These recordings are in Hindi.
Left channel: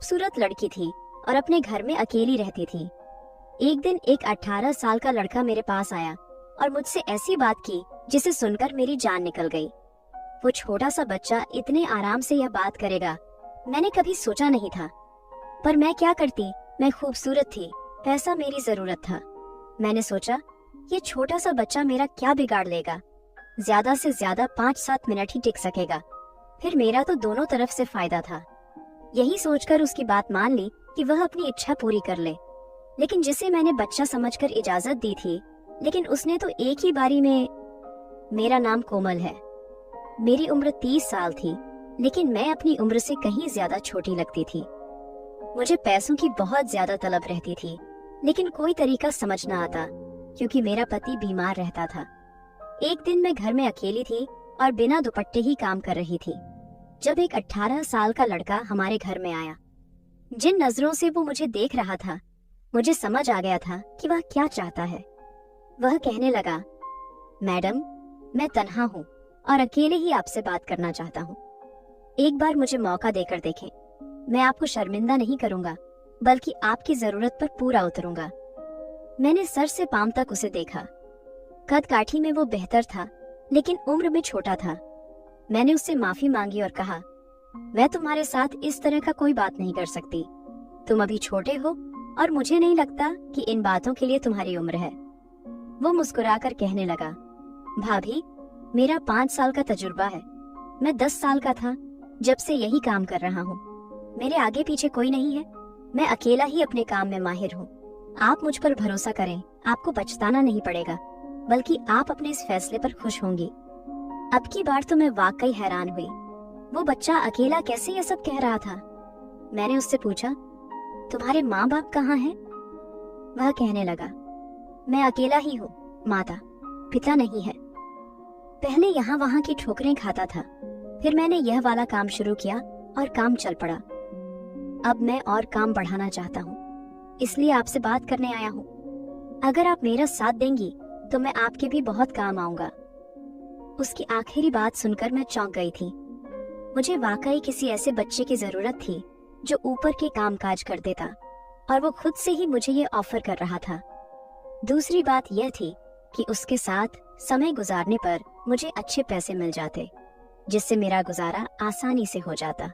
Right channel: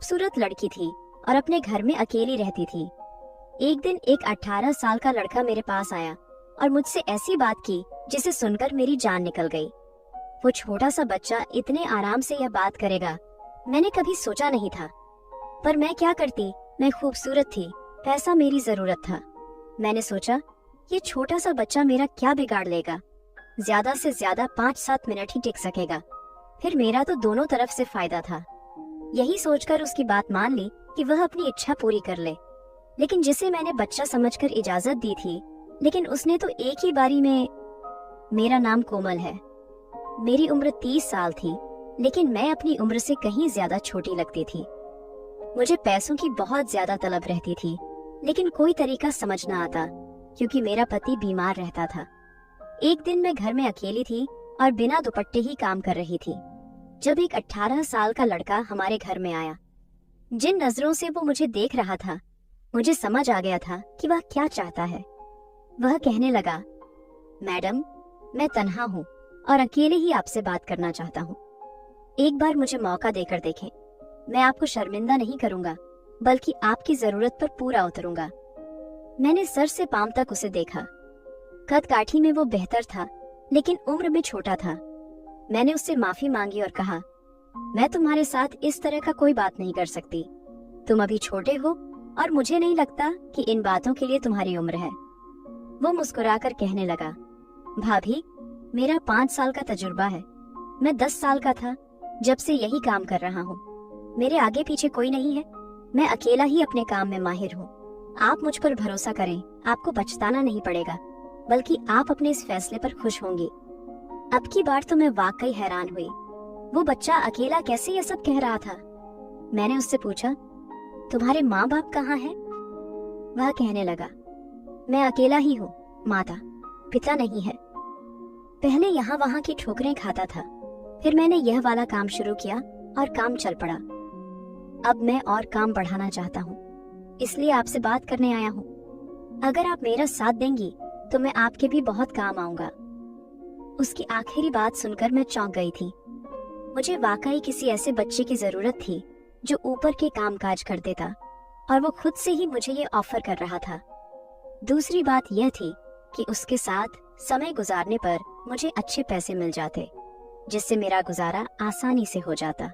खूबसूरत लड़की थी और अपने घर में अकेली रहती थी। एक दिन एक 18 साल का लड़का मेरे पास आया और मुझसे ऐसी बात की जिसे सुनकर मेरी जान निकल गई। वो छोटा सा बच्चा इतने आराम से यह बात करेगा, मैंने कभी सोचा नहीं था। पर मैं क्या करती, मैं खूबसूरत थी, पैसा मेरी जरूरत था। मैंने सोचा ये छोटा सा बच्चा मेरा क्या बिगाड़ लेगा, ज्यादा से ज्यादा 5-7 मिनट ही टिक सकेगा, फिर मेरा तो दोनों तरफ से फायदा था। यही सोचकर उसकी बात मान ली कि वह अपनी इच्छा पूरी कर ले। लेकिन जिसे मैंने बच्चा समझकर इजाजत दी थी, लेकिन उसने तो एक ही बारी में। मेरा नाम कोमल है। मेरी उम्र 30 साल थी, लेकिन मैं अपनी उम्र से कहीं ज्यादा छोटी लगती थी। मुझे पैसों की बहुत ज्यादा तलब रहती थी, लेकिन कोई तरीका समझ न आता क्योंकि मेरा पति बीमार रहता था। एक दिन मैं घर में अकेली थी और बिना दुपट्टे ही काम कर रही थी, जब एक 18 साल का लड़का हमारे घर में आया। जिन नजरों से वो मुझे देख रहा था, मुझे समझ आ गया था कि वह क्या चाहता है। वह कहने लगा, मैडम, मैं तन्हा हूँ और अकेले ही आपसे बात करना चाहता हूँ। एक बार मुझे मौका देकर देखें। मैं आपको शर्मिंदा नहीं करूंगा, बल्कि आपकी जरूरत पर पूरा उतरूंगा। मैंने सर से पांव तक उसे देखा। कद काठी में वो बेहतर था, लेकिन उम्र में छोटा था। मैंने उससे माफी मांगी और कहा, मैं तुम्हारे साथ इस तरह का कोई बात नहीं कर सकती। तुम अभी छोटे हो और मुझे नहीं लगता कि इन बातों के लिए तुम्हारी उम्र है। वो मुस्कुराकर कहने लगा, भाभी, मेरा 5 साल का तजुर्बा है। मैं 10 साल का था जब से यही काम कर रहा हूँ। मेरे आगे पीछे कोई नहीं है। मैं अकेला ही अपने काम में माहिर हूँ। आप मुझ पर भरोसा करें, आपको पछताना नहीं पड़ेगा, बल्कि आप अपने इस फैसले पर खुश होंगी। अब की बार तो मैं वाकई हैरान हुई। वो बच्चा अकेला कैसे ये सब कह रहा था। मैंने उससे पूछा, तुम्हारे माँ बाप कहाँ हैं? वह कहने लगा, मैं अकेला ही हूँ, माता पिता नहीं है। पहले यहाँ वहाँ की ठोकरें खाता था, फिर मैंने यह वाला काम शुरू किया और काम चल पड़ा। अब मैं और काम बढ़ाना चाहता हूँ, इसलिए आपसे बात करने आया हूँ। अगर आप मेरा साथ देंगी तो मैं आपके भी बहुत काम आऊंगा। उसकी आखिरी बात सुनकर मैं चौंक गई थी। मुझे वाकई किसी ऐसे बच्चे की जरूरत थी जो ऊपर के कामकाज कर देता, और वो खुद से ही मुझे ये ऑफर कर रहा था। दूसरी बात यह थी कि उसके साथ समय गुजारने पर मुझे अच्छे पैसे मिल जाते, जिससे मेरा गुजारा आसानी से हो जाता।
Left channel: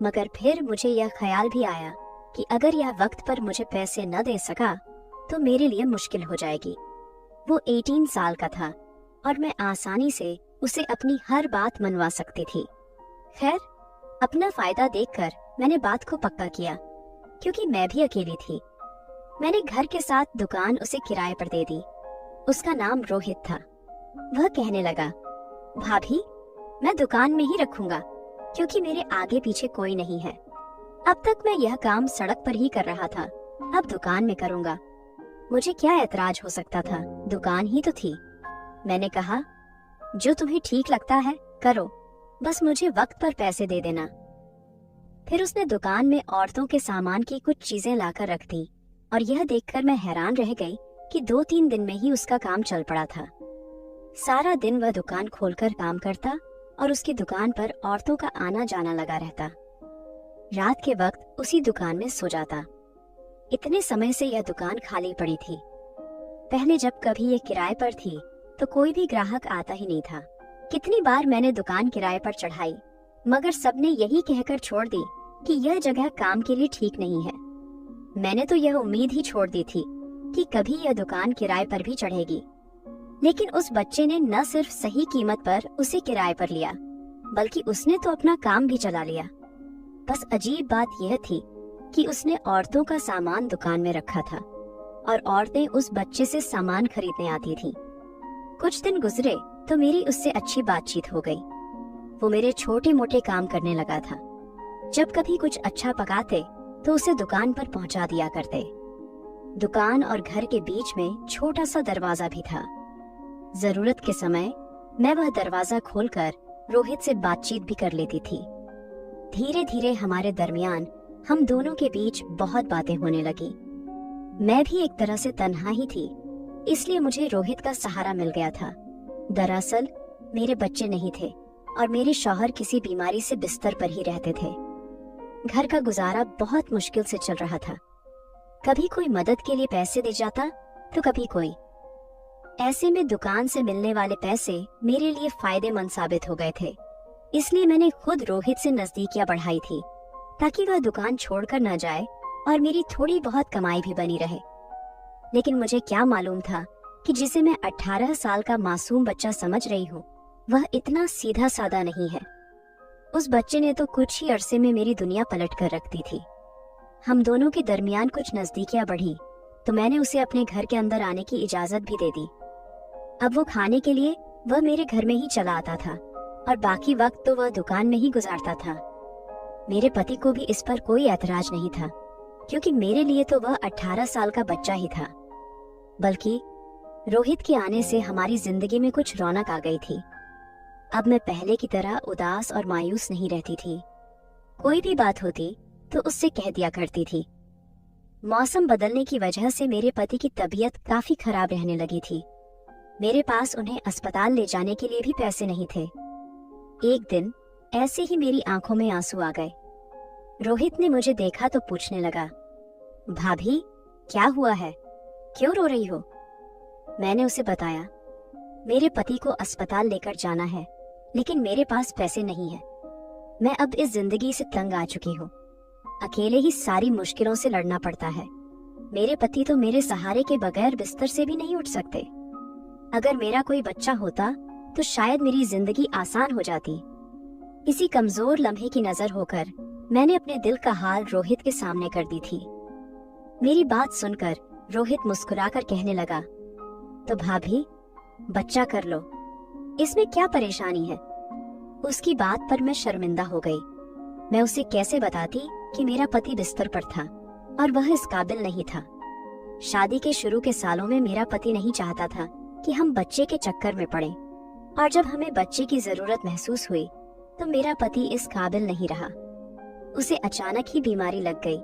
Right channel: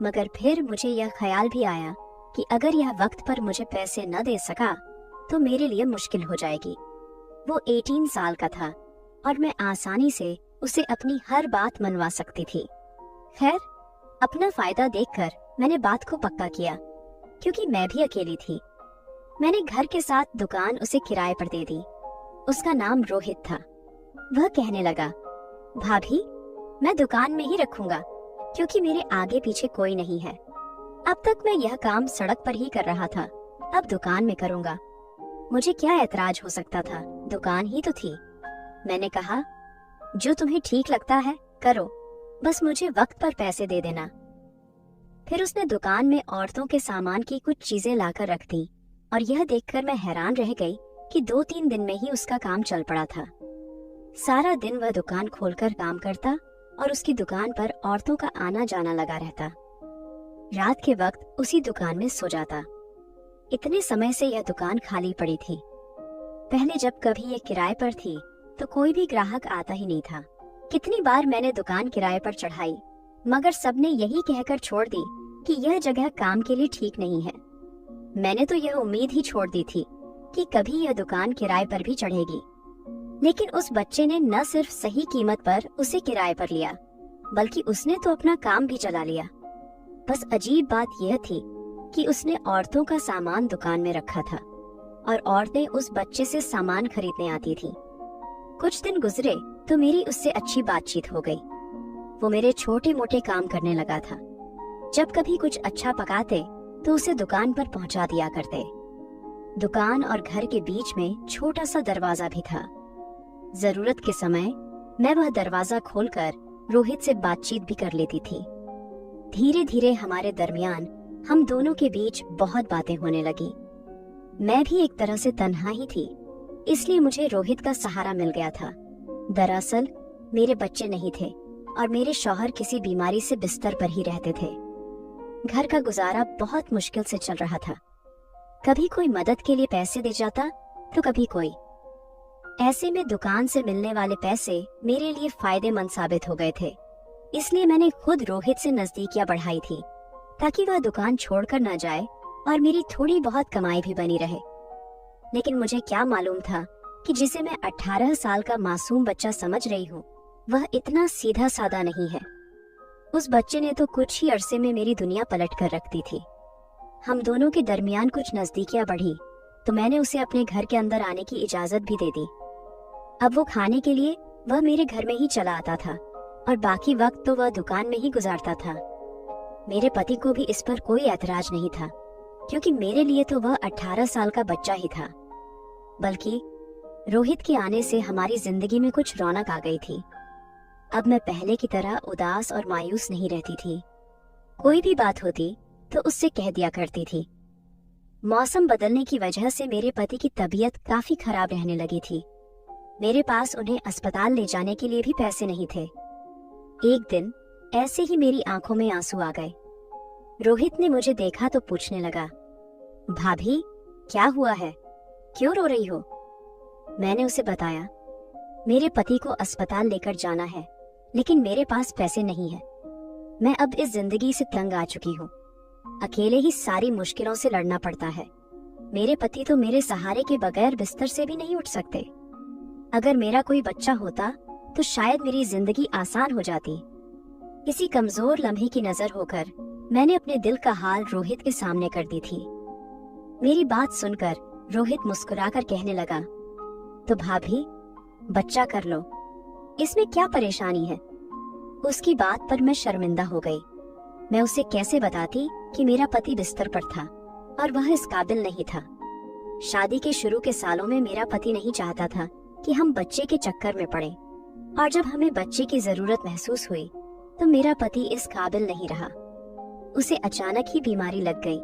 मगर फिर मुझे यह ख्याल भी आया कि अगर यह वक्त पर मुझे पैसे न दे सका तो मेरे लिए मुश्किल हो जाएगी। वो 18 साल का था और मैं आसानी से उसे अपनी हर बात मनवा सकती थी। खैर, अपना फायदा देखकर मैंने बात को पक्का किया, क्योंकि मैं भी अकेली थी। मैंने घर के साथ दुकान उसे किराए पर दे दी। उसका नाम रोहित था। वह कहने लगा, भाभी, मैं दुकान में ही रखूंगा, क्योंकि मेरे आगे पीछे कोई नहीं है। अब तक मैं यह काम सड़क पर ही कर रहा था, अब दुकान में करूंगा। मुझे क्या ऐतराज हो सकता था, दुकान ही तो थी। मैंने कहा, जो तुम्हें ठीक लगता है करो, बस मुझे वक्त पर पैसे दे देना। फिर उसने दुकान में औरतों के सामान की कुछ चीजें लाकर रख दी, और यह देखकर मैं हैरान रह गई कि 2-3 दिन में ही उसका काम चल पड़ा था। सारा दिन वह दुकान खोलकर काम करता और उसकी दुकान पर औरतों का आना जाना लगा रहता। रात के वक्त उसी दुकान में सो जाता। इतने समय से यह दुकान खाली पड़ी थी। पहले जब कभी यह किराए पर थी तो कोई भी ग्राहक आता ही नहीं था। कितनी बार मैंने दुकान किराए पर चढ़ाई, मगर सबने यही कहकर छोड़ दी कि यह जगह काम के लिए ठीक नहीं है। मैंने तो यह उम्मीद ही छोड़ दी थी कि कभी यह दुकान किराए पर भी चढ़ेगी। लेकिन उस बच्चे ने न सिर्फ सही कीमत पर उसे किराए पर लिया, बल्कि उसने तो अपना काम भी चला लिया। बस अजीब बात यह थी कि उसने औरतों का सामान दुकान में रखा था और औरतें उस बच्चे से सामान खरीदने आती थीं। कुछ दिन गुजरे तो मेरी उससे अच्छी बातचीत हो गई। वो मेरे छोटे मोटे काम करने लगा था। जब कभी कुछ अच्छा पकाते तो उसे दुकान पर पहुंचा दिया करते। दुकान और घर के बीच में छोटा सा दरवाजा भी था। जरूरत के समय मैं वह दरवाजा खोलकर रोहित से बातचीत भी कर लेती थी। धीरे धीरे हमारे दरमियान हम दोनों के बीच बहुत बातें होने लगी। मैं भी एक तरह से तन्हा ही थी, इसलिए मुझे रोहित का सहारा मिल गया था। दरअसल मेरे बच्चे नहीं थे और मेरे शौहर किसी बीमारी से बिस्तर पर ही रहते थे। घर का गुजारा बहुत मुश्किल से चल रहा था। कभी कोई मदद के लिए पैसे दे जाता तो कभी कोई। ऐसे में दुकान से मिलने वाले पैसे मेरे लिए फायदेमंद साबित हो गए थे। इसलिए मैंने खुद रोहित से नजदीकियां बढ़ाई थी ताकि वह दुकान छोड़कर न जाए और मेरी थोड़ी बहुत कमाई भी बनी रहे। लेकिन मुझे क्या मालूम था कि जिसे मैं 18 साल का मासूम बच्चा समझ रही हूँ, वह इतना सीधा साधा नहीं है। उस बच्चे ने तो कुछ ही अरसे में मेरी दुनिया पलट कर रख दी थी। हम दोनों के दरमियान कुछ नजदीकियां बढ़ी तो मैंने उसे अपने घर के अंदर आने की इजाजत भी दे दी। अब वो खाने के लिए वह मेरे घर में ही चला आता था और बाकी वक्त तो वह दुकान में ही गुजारता था। मेरे पति को भी इस पर कोई ऐतराज नहीं था, क्योंकि मेरे लिए तो वह 18 साल का बच्चा ही था। बल्कि रोहित के आने से हमारी जिंदगी में कुछ रौनक आ गई थी। अब मैं पहले की तरह उदास और मायूस नहीं रहती थी। कोई भी बात होती तो उससे कह दिया करती थी। मौसम बदलने की वजह से मेरे पति की तबीयत काफी खराब रहने लगी थी। मेरे पास उन्हें अस्पताल ले जाने के लिए भी पैसे नहीं थे। एक दिन ऐसे ही मेरी आंखों में आंसू आ गए। रोहित ने मुझे देखा तो पूछने लगा, भाभी क्या हुआ है, क्यों रो रही हो? मैंने उसे बताया, मेरे पति को अस्पताल लेकर जाना है, लेकिन मेरे पास पैसे नहीं है। मैं अब इस जिंदगी से तंग आ चुकी हूँ। अकेले ही सारी मुश्किलों से लड़ना पड़ता है। मेरे पति तो मेरे सहारे के बगैर बिस्तर से भी नहीं उठ सकते। अगर मेरा कोई बच्चा होता तो शायद मेरी जिंदगी आसान हो जाती। इसी कमजोर लम्हे की नजर होकर मैंने अपने दिल का हाल रोहित के सामने कर दी थी। मेरी बात सुनकर रोहित मुस्कुराकर कहने लगा, तो भाभी बच्चा कर लो, इसमें क्या परेशानी है? उसकी बात पर मैं शर्मिंदा हो गई। मैं उसे कैसे बताती कि मेरा पति बिस्तर पर था और वह इस काबिल नहीं था। शादी के शुरू के सालों में मेरा पति नहीं चाहता था कि हम बच्चे के चक्कर में पड़ें, और जब हमें बच्चे की जरूरत महसूस हुई तो मेरा पति इस काबिल नहीं रहा। उसे अचानक ही बीमारी लग गई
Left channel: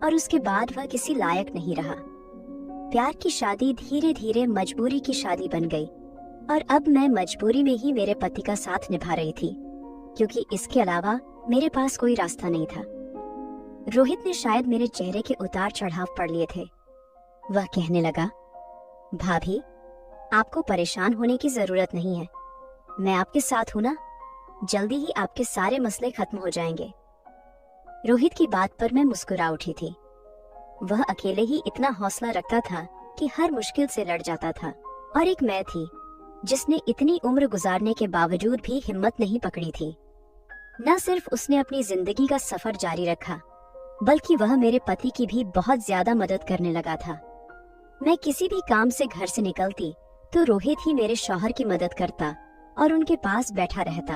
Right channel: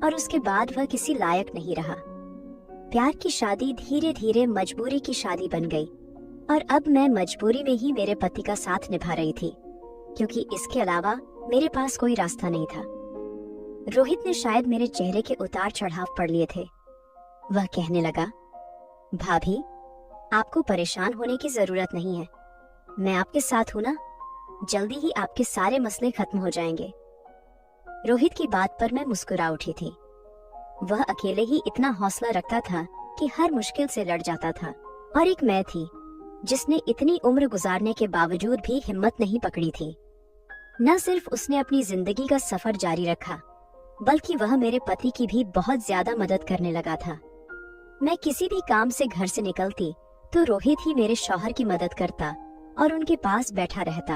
और उसके बाद वह किसी लायक नहीं रहा। प्यार की शादी धीरे धीरे मजबूरी की शादी बन गई, और अब मैं मजबूरी में ही मेरे पति का साथ निभा रही थी, क्योंकि इसके अलावा मेरे पास कोई रास्ता नहीं था। रोहित ने शायद मेरे चेहरे के उतार चढ़ाव पढ़ लिए थे। वह कहने लगा, भाभी आपको परेशान होने की जरूरत नहीं है, मैं आपके साथ हूं ना, जल्दी ही आपके सारे मसले खत्म हो जाएंगे। रोहित की बात पर मैं मुस्कुरा उठी थी। वह अकेले ही इतना हौसला रखता था कि हर मुश्किल से लड़ जाता था, और एक मैं थी जिसने इतनी उम्र गुजारने के बावजूद भी हिम्मत नहीं पकड़ी थी। न सिर्फ उसने अपनी जिंदगी का सफर जारी रखा, बल्कि वह मेरे पति की भी बहुत ज्यादा मदद करने लगा था। मैं किसी भी काम से घर से निकलती तो रोहित ही मेरे शौहर की मदद करता और उनके पास बैठा रहता।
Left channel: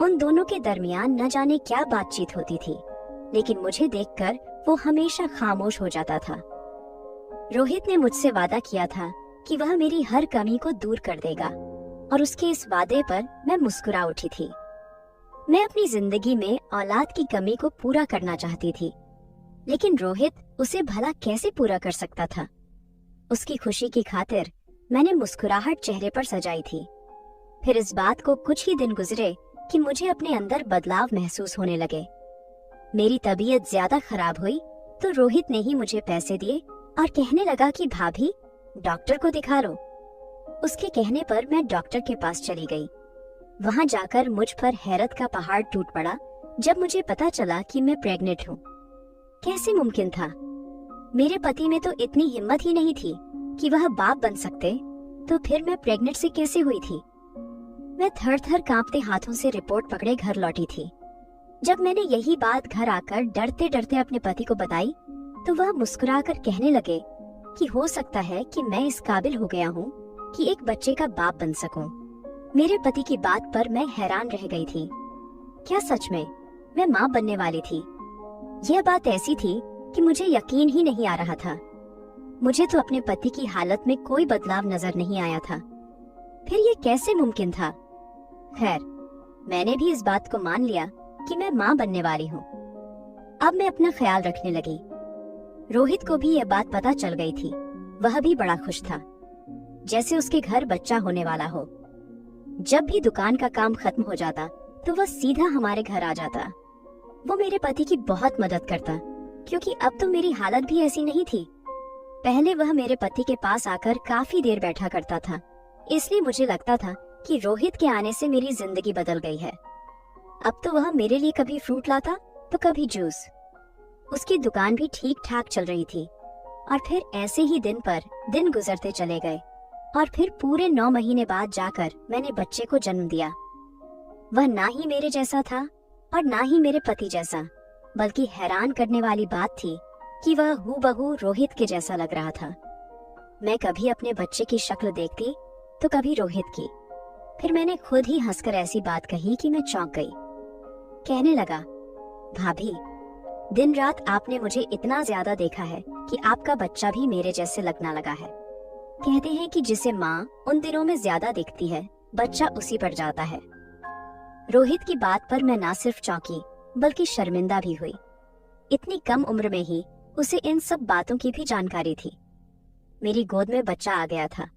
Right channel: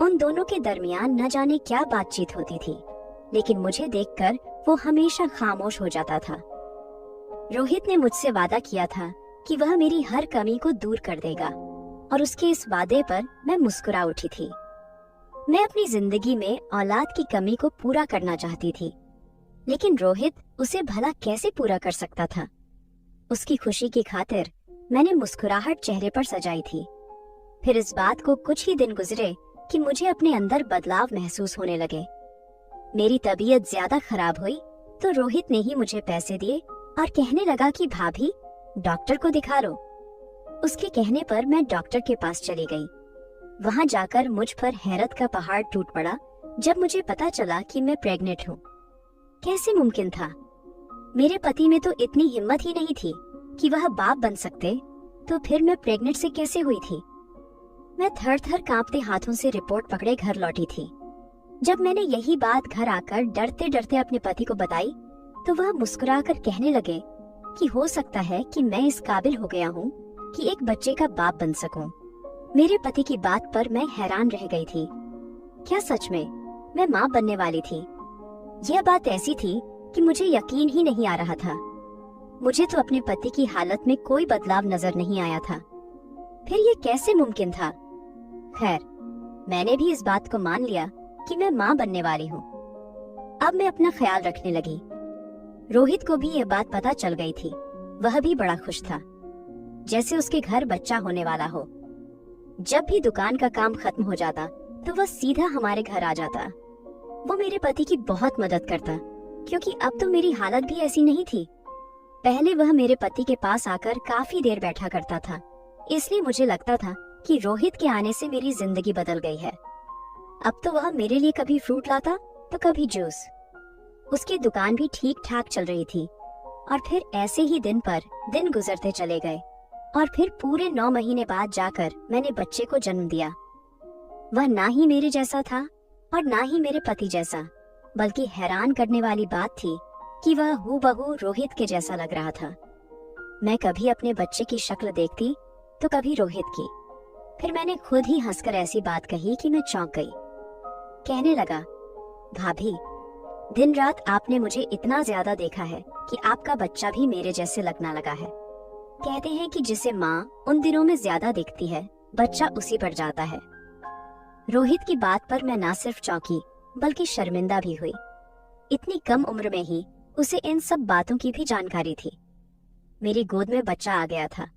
उन दोनों के दरमियान न जाने क्या बातचीत होती थी, लेकिन मुझे देखकर वो हमेशा खामोश हो जाता था। रोहित ने मुझसे वादा किया था कि वह मेरी हर कमी को दूर कर देगा, और उसके इस वादे पर मैं मुस्कुरा उठी थी। मैं अपनी जिंदगी में औलाद की कमी को पूरा करना चाहती थी, लेकिन रोहित उसे भला कैसे पूरा कर सकता था? उसकी खुशी की खातिर मैंने मुस्कुराहट चेहरे पर सजाई थी। फिर इस बात को कुछ ही दिन गुजरे कि मुझे अपने अंदर बदलाव महसूस होने लगे। मेरी तबीयत ज्यादा खराब हुई तो रोहित ने ही मुझे पैसे दिए और कहने लगा कि भाभी डॉक्टर को दिखा लो। उसके कहने पर मैं डॉक्टर के पास चली गई। वहां जाकर मुझ पर हैरत का पहाड़ टूट पड़ा जब मुझे पता चला कि मैं प्रेग्नेंट हूँ। कैसे मुमकिन था? मेरे पति में तो इतनी हिम्मत ही नहीं थी कि वह बाप बन सकते, तो फिर मैं प्रेग्नेंट से कैसे हुई थी? मैं थर थर कांपते हाथों से रिपोर्ट पकड़े घर लौटी थी। जब मैंने यही बात घर आकर डरते डरते अपने पति को बताई तो वह मुस्कुराकर कहने लगे कि हो सकता है कि मैं इस काबिल हो गया हूँ कि एक बच्चे का बाप बन सकूं। मेरे पति की बात पर मैं हैरान रह गई थी। क्या सच में मैं माँ बनने वाली थी? यह बात ऐसी थी कि मुझे यकीन ही नहीं आ रहा था। मुझे तो अपने पति की हालत में कोई बदलाव नजर नहीं आया था। फिर ये कैसे मुमकिन था? खैर, मैंने भी इस बात को मान लिया कि मैं माँ बनने वाली हूँ। अब मैं अपना ख्याल रखने लगी। रोहित को भी यह बात पता चल गई थी। वह भी बड़ा खुश था, जैसे उसके घर बच्चा होने वाला हो। जब भी दुकान का काम खत्म हो जाता तो वह सीधा हमारे घर आ जाता। वो मेरे पति की बहुत मदद करता, क्योंकि अब तो मेरी हालत भी ऐसी नहीं थी। पहले वह मेरे पति के पास आकर काफी देर बैठा करता था, इसलिए मुझे लगता था कि रोहित के आने से मेरी जिंदगी बदल गई है। अब तो वह मेरे लिए कभी फ्रूट लाता तो कभी जूस। उसकी दुकान भी ठीक ठाक चल रही थी। और फिर ऐसे ही दिन पर दिन गुजरते चले गए और फिर पूरे 9 महीने बाद जाकर मैंने बच्चे को जन्म दिया। वह ना ही मेरे जैसा था और ना ही मेरे पति जैसा, बल्कि हैरान करने वाली बात थी कि वह हूबहू रोहित के जैसा लग रहा था। मैं कभी अपने बच्चे की शक्ल देखती तो कभी रोहित की। फिर मैंने खुद ही हंसकर ऐसी बात कही कि मैं चौंक गई। कहने लगा, भाभी, दिन रात आपने मुझे इतना ज्यादा देखा है कि आपका बच्चा भी मेरे जैसे लगना लगा है। कहते हैं कि जिसे माँ उन दिनों में ज्यादा दिखती है, बच्चा उसी पर जाता है। रोहित की बात पर मैं ना सिर्फ चौंकी बल्कि शर्मिंदा भी हुई। इतनी कम उम्र में ही उसे इन सब बातों की भी जानकारी थी। मेरी गोद में बच्चा आ गया था।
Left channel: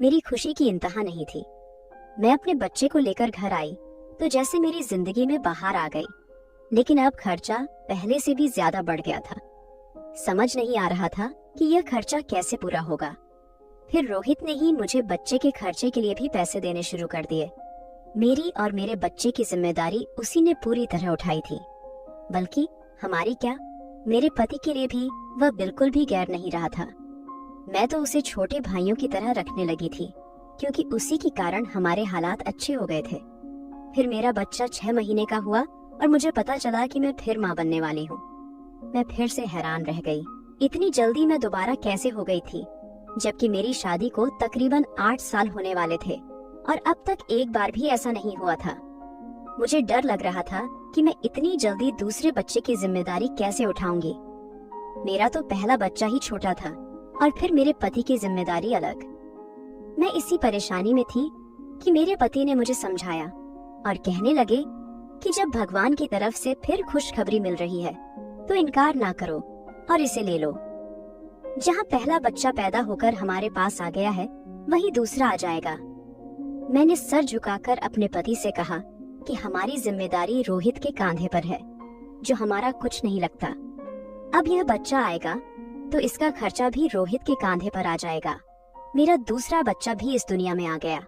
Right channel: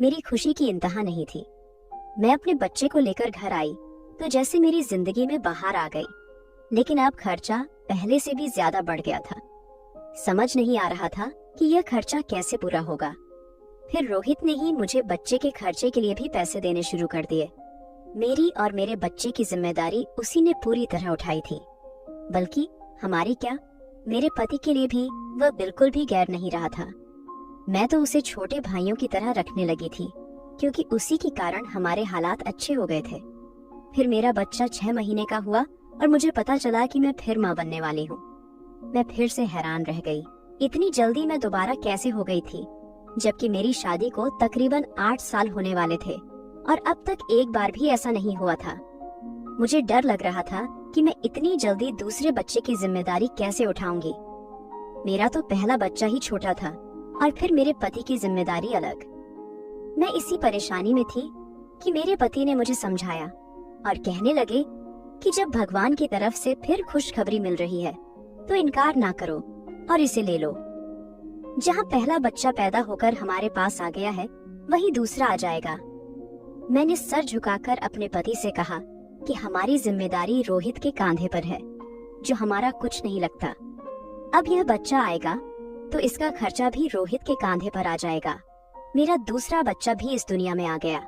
मेरी खुशी की इंतहा नहीं थी। मैं अपने बच्चे को लेकर घर आई तो जैसे मेरी जिंदगी में बाहर आ गई, लेकिन अब खर्चा पहले से भी ज्यादा बढ़ गया था। समझ नहीं आ रहा था कि यह खर्चा कैसे पूरा होगा। फिर रोहित ने ही मुझे बच्चे के खर्चे के लिए भी पैसे देने शुरू कर दिए। मेरी और मेरे बच्चे की जिम्मेदारी उसी ने पूरी तरह उठाई थी। बल्कि हमारी क्या, मेरे पति के लिए भी वह बिल्कुल भी गैर नहीं रहा था। मैं तो उसे छोटे भाइयों की तरह रखने लगी थी, क्योंकि उसी के कारण हमारे हालात अच्छे हो गए थे। फिर मेरा बच्चा 6 महीने का हुआ और मुझे पता चला कि मैं फिर माँ बनने वाली हूँ। मैं फिर से हैरान रह गई, इतनी जल्दी मैं दोबारा कैसे हो गई थी, जबकि मेरी शादी को तकरीबन 8 साल होने वाले थे और अब तक एक बार भी ऐसा नहीं हुआ था। मुझे डर लग रहा था कि मैं इतनी जल्दी दूसरे बच्चे की जिम्मेदारी कैसे उठाऊंगी। मेरा तो पहला बच्चा ही छोटा था और फिर मेरे पति की जिम्मेदारी अलग। मैं इसी परेशानी में थी कि मेरे पति ने मुझे समझाया और कहने लगे कि जब भगवान की तरफ से फिर खुशखबरी मिल रही है तो इनकार ना करो और इसे ले लो। जहाँ पहला बच्चा पैदा होकर हमारे पास आ गया है, वहीं दूसरा आ जाएगा। मैंने सर झुकाकर अपने पति से कहा कि हमारी जिम्मेदारी रोहित के कांधे पर है, जो हमारा कुछ नहीं लगता। अब यह बच्चा आएगा तो इसका खर्चा भी रोहित के कांधे पर आ जाएगा। मेरा दूसरा बच्चा भी इस दुनिया में आ गया।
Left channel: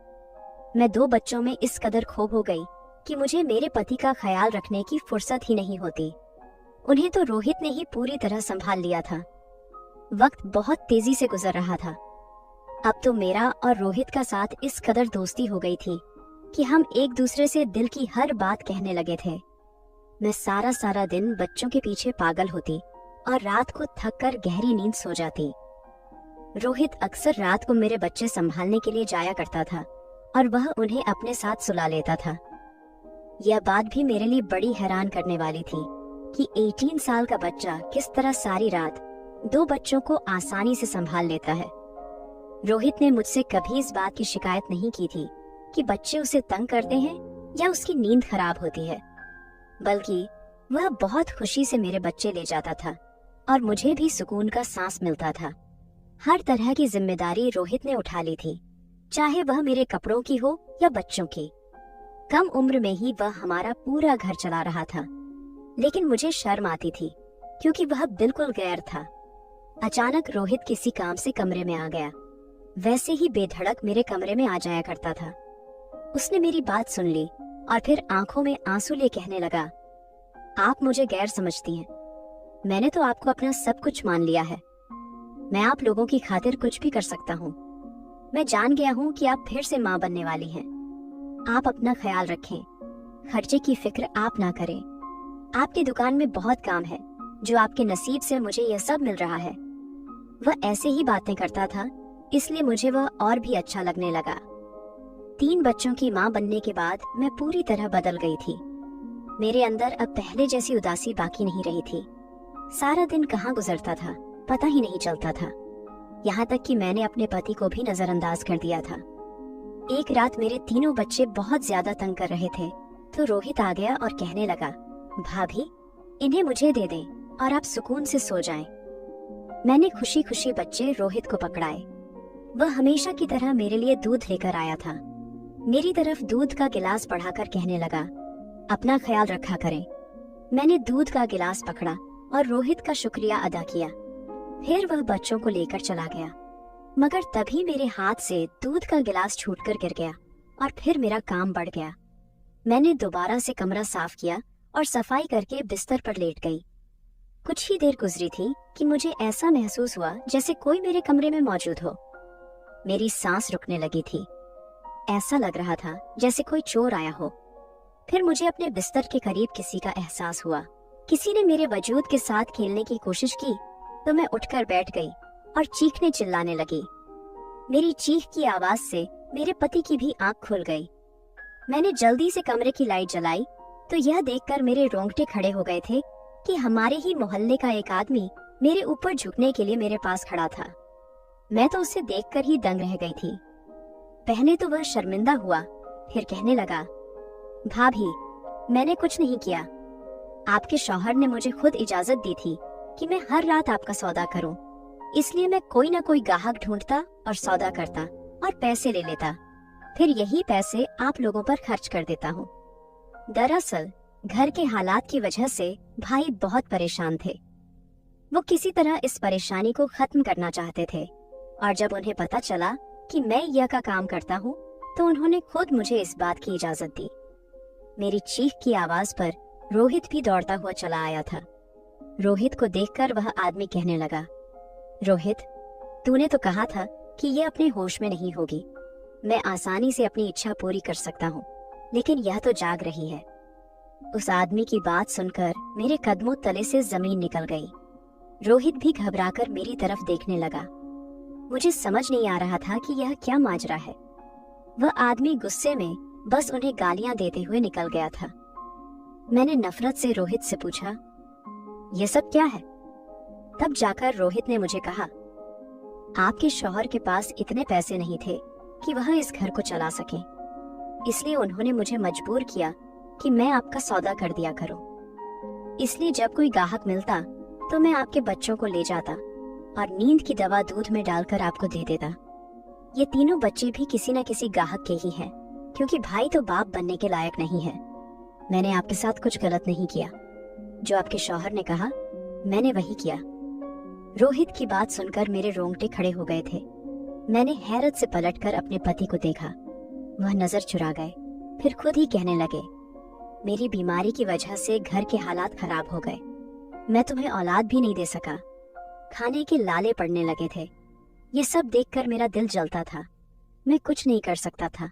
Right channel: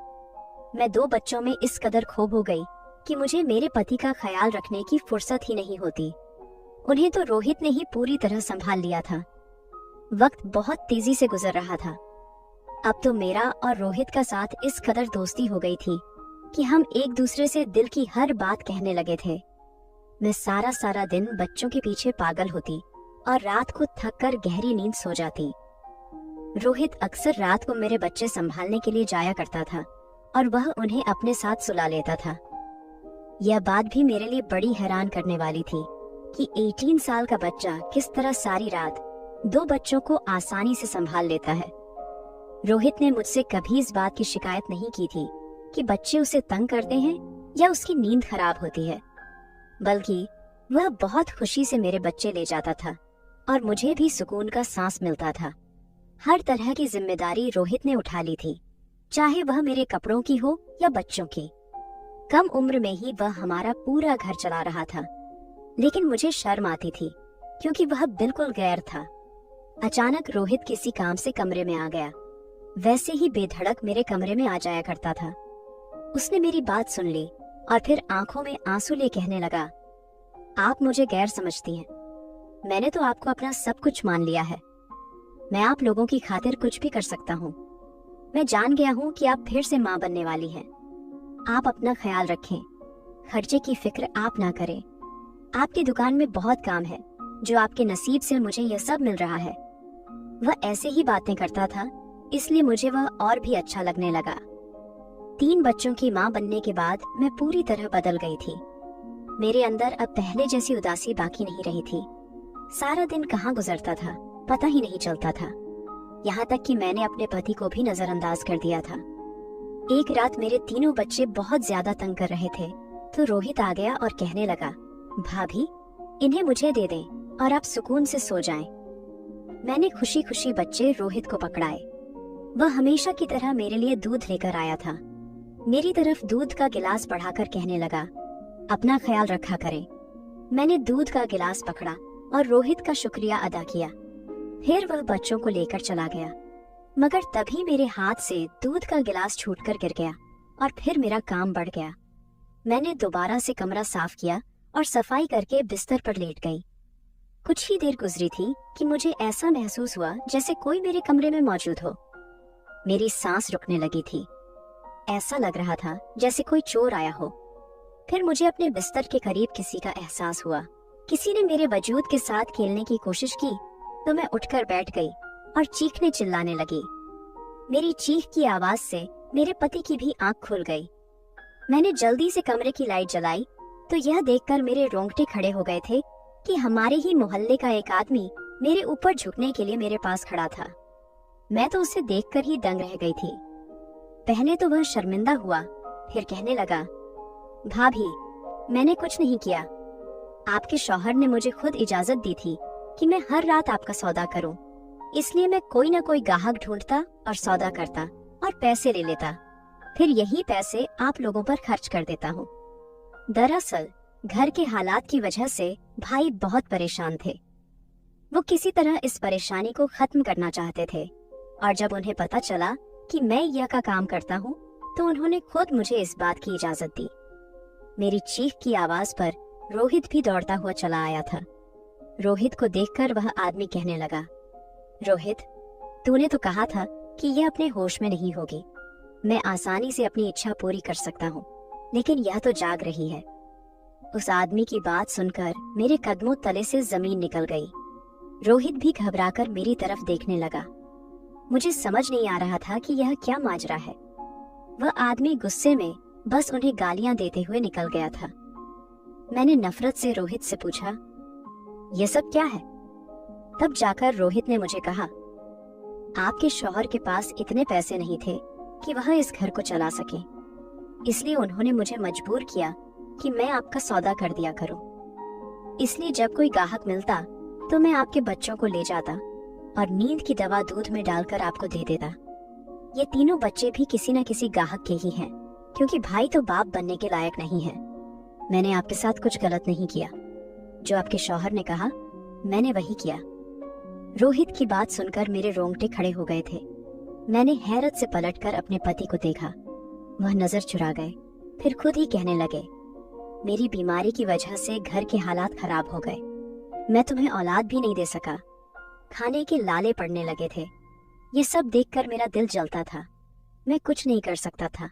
मैं 2 बच्चों में इस कदर खो हो गई कि मुझे मेरे पति का ख्याल रखने की फुर्सत ही नहीं होती। उन्हें तो रोहित ने ही पूरी तरह संभाल लिया था। वक्त बहुत तेजी से गुजर रहा था। अब तो मेरा और रोहित का साथ इस कदर दोस्ती हो गई थी कि हम एक दूसरे से दिल की हर बात कहने लगे थे। मैं सारा दिन बच्चों के पीछे पागल होती और रात को थक कर गहरी नींद सो जाती। रोहित अक्सर रात को मेरे बच्चे संभालने के लिए जाया करता था और वह उन्हें अपने साथ सुला लेता था। यह बात भी मेरे लिए बड़ी हैरान करने वाली थी कि 18 साल का बच्चा किस तरह सारी रात 2 बच्चों को आसानी से संभाल लेता है। रोहित ने मुझसे कभी इस बात की शिकायत नहीं की थी कि बच्चे उसे तंग करते हैं या उसकी नींद खराब होती है, बल्कि वह बहुत खुशी से मेरे बच्चे ले जाता था और मुझे भी सुकून का सांस मिलता था। हर तरह की जिम्मेदारी रोहित ने उठा ली थी, चाहे वह मेरे कपड़ों की हो या बच्चों की। कम उम्र में ही वह हमारा पूरा घर चला रहा था, लेकिन मुझे शर्म आती थी क्योंकि वह बिल्कुल गैर था। अचानक रोहित किसी काम से कमरे में आ गया। वैसे ही बेधड़क मेरे कमरे में आ जाया करता था। उसने मेरी बात सुन ली और फिर आंखों में आंसू ले कहने लगा, आप मुझे गैर समझती हैं। मैंने तो आपको अपना सब कुछ मान लिया है। मैं आप लोगों की खातिर कुछ भी कर सकता हूँ। मैं जान गया हूँ कि आप फिर से माँ बनने वाली हैं। आप अपना ख्याल रखें, खर्चे की फिक्र आप ना करें। आपकी दुकान में बहुत काम है, जो आपके नसीब से मुझे यह सब मिल रहा है। वह ऐसे ही बातें करता था, इसलिए मुझे वह और भी अच्छा लगने लगा। 3 बच्चों की माँ बनने के बाद मैं पूरी तरह बदल गई थी। मेरे अंदर अब पहले जैसी उदासी बाकी नहीं रही थी। सारा दिन कहाँ गुजरता था पता ही नहीं चलता था। यहाँ तक कि मैंने अपने पति को भी नजरअंदाज कर दिया था। एक रात मेरे तीनों बच्चे बहुत ज्यादा तंग कर रहे थे तो रोहित आ गया और कहने लगा, भाभी, इन्हें मुझे दे दें और आप सुकून से सो जाएं। मैंने खुशी खुशी बच्चे रोहित को पकड़ाए। वह हमेशा की तरह मेरे लिए दूध लेकर आया था। मेरी तरफ दूध का गिलास बढ़ाकर कहने लगा, अपना ख्याल रखा करें। मैंने दूध का गिलास पकड़ा और रोहित का शुक्रिया अदा किया। फिर वह बच्चों को लेकर चला गया, मगर तभी मेरे हाथ से दूध का गिलास छूटकर गिर गया और फिर मेरा काम बढ़ गया। मैंने दोबारा से कमरा साफ किया और सफाई करके बिस्तर पर लेट गई। कुछ ही देर गुजरी थी कि मुझे ऐसा महसूस हुआ जैसे कोई मेरे कमरे में मौजूद हो। मेरी सांस रुकने लगी थी। ऐसा लग रहा था जैसे कोई चोर आया हो। फिर मुझे अपने बिस्तर के करीब किसी का एहसास हुआ। किसी ने मेरे वजूद के साथ खेलने की कोशिश की तो मैं उठकर बैठ गई और चीखने चिल्लाने लगी। मेरी चीख की आवाज से मेरे पति की भी आंख खुल गई। मैंने जल्दी से कमरे की लाइट जलाई तो यह देखकर मेरे रोंगटे खड़े हो गए थे कि हमारे ही मोहल्ले का एक आदमी मेरे ऊपर झुकने के लिए मेरे पास खड़ा था। मैं तो उसे देखकर ही दंग रह गई थी। पहले तो वह शर्मिंदा हुआ, फिर कहने लगा, भाभी, मैंने कुछ नहीं किया। आपके शौहर ने मुझे खुद इजाजत दी थी कि मैं हर रात आपका सौदा करूं, इसलिए मैं कोई ना कोई ग्राहक ढूंढता और सौदा करता और पैसे ले लेता, फिर यही पैसे आप लोगों पर खर्च कर देता हूँ। दरअसल घर के हालात की वजह से भाई बहुत परेशान थे। वो किसी तरह इस परेशानी को खत्म करना चाहते थे और जब उन्हें पता चला कि मैं यह का काम करता हूँ तो उन्होंने खुद मुझे इस बात की इजाजत दी। मेरी चीख की आवाज पर रोहित भी दौड़ता हुआ चला आया था। रोहित को देखकर वह आदमी कहने लगा, रोहित, तूने तो कहा था कि ये अपने होश में नहीं होगी। मैं आसानी से अपनी इच्छा पूरी कर सकता हूँ, लेकिन यह तो जाग रही है। उस आदमी की बात सुनकर मेरे कदमों तले से जमीन निकल गई। रोहित भी घबराकर मेरी तरफ देखने लगा। मुझे समझ नहीं आ रहा था कि यह क्या माजरा है। वह आदमी गुस्से में बस उन्हें गालियां देते हुए निकल गया था। मैंने नफरत से रोहित से पूछा, यह सब क्या है? तब जाकर रोहित ने मुझे कहा, आपके शौहर के पास इतने पैसे नहीं थे कि वह इस घर को चला सके, इसलिए उन्होंने मुझे मजबूर किया कि मैं आपका सौदा कर दिया करूं। इसलिए जब कोई ग्राहक मिलता तो मैं आपके बच्चों को ले जाता और नींद की दवा दूध में डालकर आपको दे देता। ये तीनों बच्चे भी किसी न किसी ग्राहक के ही हैं, क्योंकि भाई तो बाप बनने के लायक नहीं है। मैंने आपके साथ कुछ गलत नहीं किया। जो आपके शौहर ने कहा मैंने वही किया। रोहित की बात सुनकर मेरे रोंगटे खड़े हो गए थे। मैंने हैरत से पलटकर अपने पति को देखा। वह नजर चुरा गए, फिर खुद ही कहने लगे, मेरी बीमारी की वजह से घर के हालात खराब हो गए। मैं तुम्हें औलाद भी नहीं दे सका। खाने के लाले पड़ने लगे थे। ये सब देखकर मेरा दिल जलता था। मैं कुछ नहीं कर सकता था।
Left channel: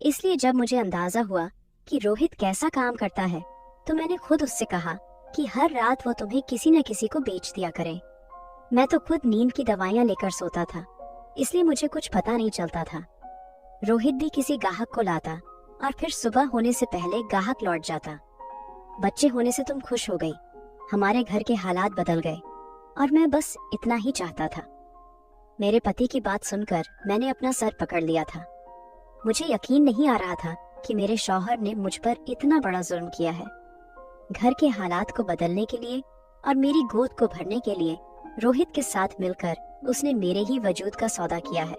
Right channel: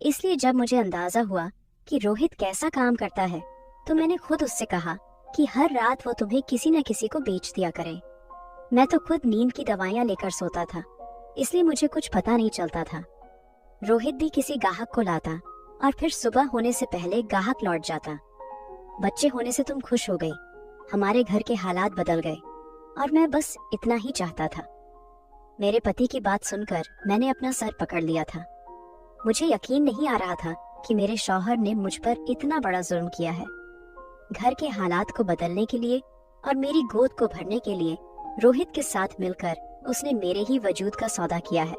इसलिए जब मुझे अंदाजा हुआ कि रोहित कैसा काम करता है तो मैंने खुद उससे कहा कि हर रात वो तुम्हें किसी न किसी को बेच दिया करे। मैं तो खुद नींद की दवाइयां लेकर सोता था, इसलिए मुझे कुछ पता नहीं चलता था। रोहित भी किसी ग्राहक को लाता और फिर सुबह होने से पहले ग्राहक लौट जाता। बच्चे होने से तुम खुश हो गई, हमारे घर के हालात बदल गए और मैं बस इतना ही चाहता था। मेरे पति की बात सुनकर मैंने अपना सर पकड़ लिया था। मुझे यकीन नहीं आ रहा था कि मेरे शौहर ने मुझ पर इतना बड़ा जुल्म किया है। घर के हालात को बदलने के लिए और मेरी गोद को भरने के लिए रोहित के साथ मिलकर उसने मेरे ही वजूद का सौदा किया है।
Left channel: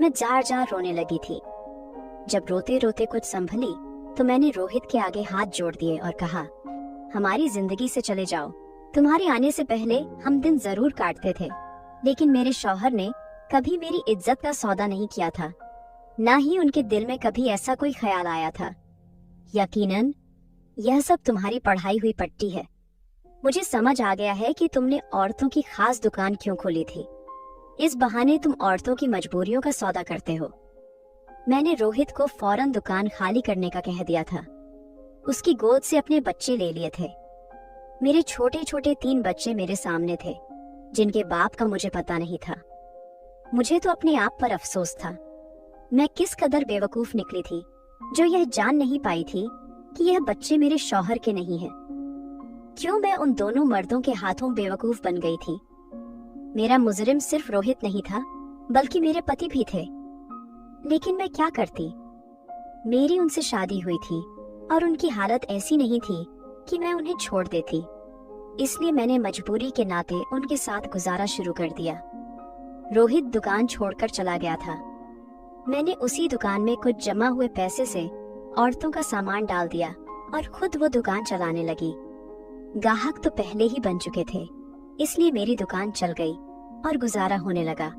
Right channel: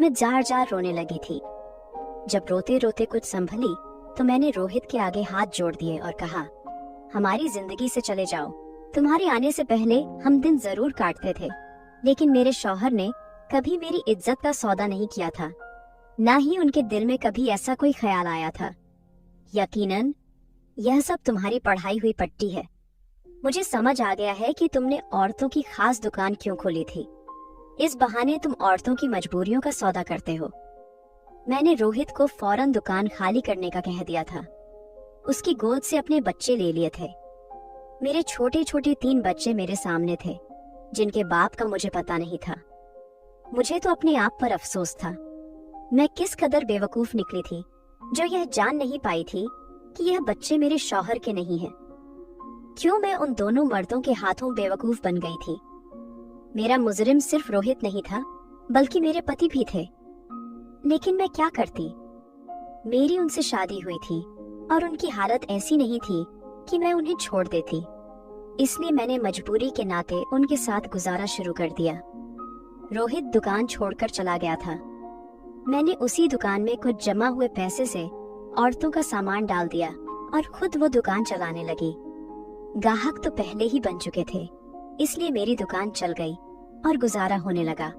मैं जार जार रोने लगी थी। जब रोते रोते कुछ संभली तो मैंने रोहित के आगे हाथ जोड़ दिए और कहा, हमारी जिंदगी से चले जाओ। तुम्हारे आने से पहले हम दिन जरूर काटते थे, लेकिन मेरे शौहर ने कभी मेरी इज्जत का सौदा नहीं किया था, ना ही उनके दिल में कभी ऐसा कोई ख्याल आया था। यकीनन यह सब तुम्हारी पढ़ाई हुई पट्टी है। मुझे समझ आ गया है कि तुमने औरतों की खास दुकान क्यों खोली थी। इस बहाने तुम औरतों की मजबूरियों का सौदा करते हो। मैंने रोहित को फौरन दुकान खाली करने का कह दिया था। उसकी गोद से अपने बच्चे ले लिए थे। मेरे छोटे छोटे 3 बच्चे मेरे सामने थे, जिनके बाप का मुझे पता नहीं था। मुझे तो अपने आप पर अफसोस था। मैं किस कदर बेवकूफ निकली थी जो यह जान नहीं पाई थी कि यह बच्चे मेरे शौहर के नहीं हैं। क्यों मैं उन दोनों मर्दों के हाथों बेवकूफ बन गई थी। मेरा मुजरिम सिर्फ रोहित नहीं था, बल्कि मेरे पति भी थे। लेकिन मैं क्या करती? मेरी उनसे शादी हुई थी और उनकी हालत ऐसी नहीं थी कि मैं उन्हें छोड़ देती। इसलिए मैंने मजबूरी के नाते उनके साथ गुजारा शुरू कर दिया। रोहित दुकान छोड़कर चला गया था। मैंने उसी दुकान में कुछ जमा हुए पैसे से औरतों का सामान डाल दिया और खुद वो दुकान चलाने लगी। ग्राहक तो पहले ही बन चुके थे, इसलिए मेरी दुकान चल गई और गुजारा होने लगा।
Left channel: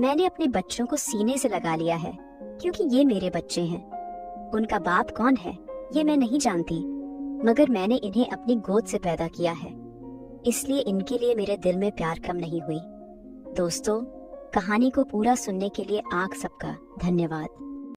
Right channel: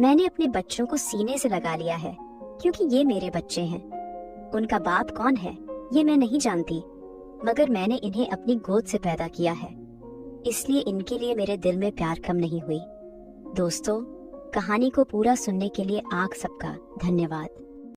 मैंने अपने बच्चों को सीने से लगा लिया है, क्योंकि ये मेरे बच्चे हैं। उनका बाप कौन है ये मैं नहीं जानती, मगर मैंने इन्हें अपनी गोद से पैदा किया है, इसलिए इनके लिए मेरे दिल में प्यार कम नहीं हुई। दोस्तों, कहानी को पूरा सुनने के लिए आप सबका धन्यवाद।